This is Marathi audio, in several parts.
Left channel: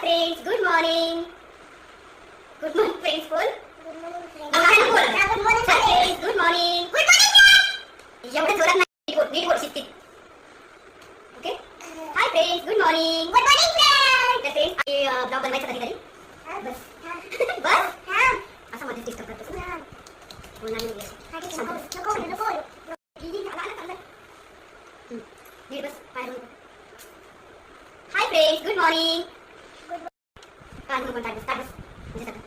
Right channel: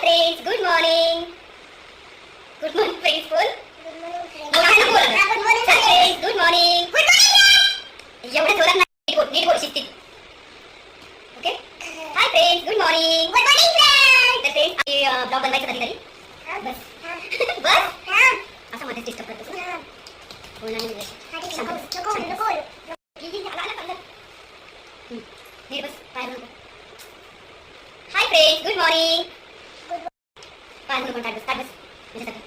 friends, good morning. Good morning friends, बोल. Good morning, friends. बोल. Good morning, Hi friends. friends, good morning. Good morning, एवढं जोरात नाही, नीट बोल शिस्तीत. Okay? Hi friends, good morning. Good morning, friends. तर फ्रेंड्स, ब्लॉग बनवायचा कधीतरी. बस. बस. असं मध्येच डिस्टर्ब करतो. बोलणार नाही तुझ्याशी. शांत बस. आला. नीट बस, पायावर नको. Hi friends, good morning. पायावर नको, ताट बस. म्हणजे सगळं.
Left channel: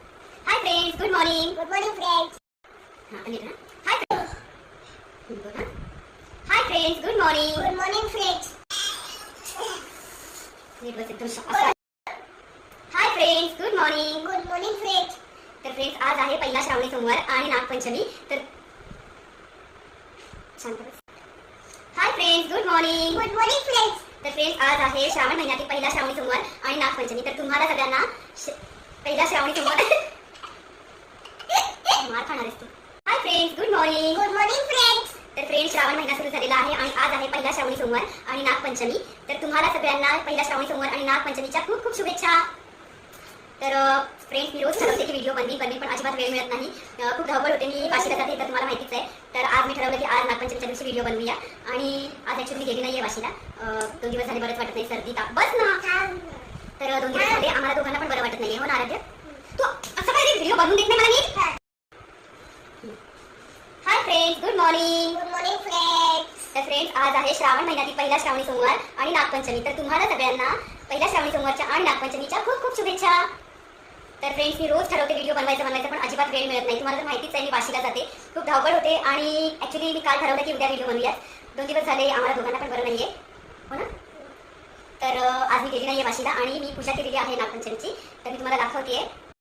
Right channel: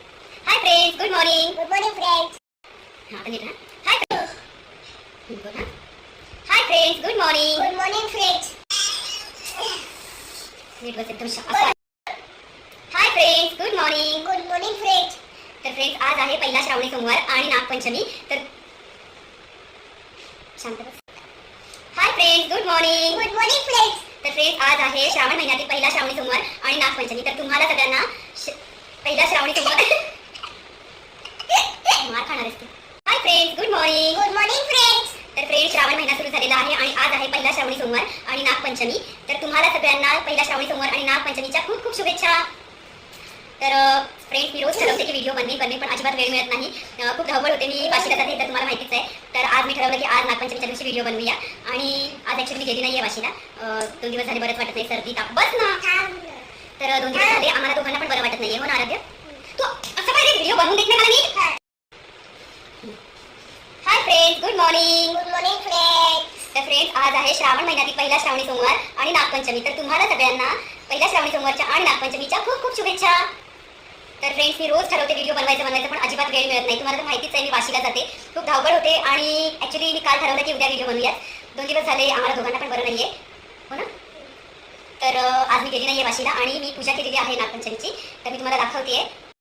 Hi friends, good morning. Good morning, friends. हां, आता नीट ना. Hi friends. बोल हां. Hi friends, good morning. Good morning, friends. नीट बस एकदम शांत. Hi friends, good morning. Good morning, friends. तर फ्रेंड्स, आज आहे पहिला श्रावणी सोमवार आणि नागपंचमी. तर शांत बस. Hi friends, good morning. Good morning, friends. तर फ्रेंड्स, आज आहे श्रावण महिन्यातील पहिला श्रावणी सोमवार आणि नागपंचमी. तर तुम्हाला सगळ्यांना पहिला श्रावणी सोमवार मार खाणार आहेस तू. Hi friends, good morning. Good morning, friends. तर फ्रेंड्स, श्रावण महिना सुरू झालेला आहे आणि आज आहे पहिला श्रावणी सोमवार आणि नागपंचमी. तर तुम्हाला सगळ्यांना पहिला श्रावणी सोमवार आणि नागपंचमीच्या खूप खूप शुभेच्छा. तर फ्रेंड्स, मी रोज ठरवते की व्हिडिओ बनवेन पण अजिबात वेळ मिळत नाही. खूप धावपळ होते. मी वाशीला जाते तर तुम्हाला माहितीच आहे. तर आज मी ठरवलं की आज नागपंचमीच्या दिवशी व्हिडिओ बनवूया आणि आज ॲक्च्युली गेली नाही आहे वाशीला. 2 दिवस झाले, बरंच वाटत नाही, सर्दी ताप. बस ना. तर 2 दिवस झाले, आम्हाला दोघांना पण बरं वाटत नाही. हो ना आराध्य? तू असं काय व्हिडिओ बनवून देत नाही मला नीट? Hi friends, good morning. Good morning, friends. तर फ्रेंड्स, आज आहे श्रावण महिन्यातील पहिला श्रावणी सोमवार आणि नागपंचमी. तर तुम्हाला सगळ्यांना पहिल्या श्रावणी सोमवारच्या आणि नागपंचमीच्या खूप खूप शुभेच्छा. तर फ्रेंड्स, मी रोज ठरवते व्हिडिओ बनवायचं पण अजिबात वेळ मिळत नाही. तुम्हाला तर माहितीच आहे, मी वाशीला जाते, खूप धावपळ होते आणि ॲक्च्युली मी काल ठरवलं की उद्या व्हिडिओ बनवूयात. 2 दिवस झाले, आम्हाला दोघांना पण बरं नाही आहे. हो ना? तर आज मी गेली नाही आहे वाशीला आणि मी पूजा केलेली आहे नागपंचमीची. तर मी तुम्हाला दाखवते आहे.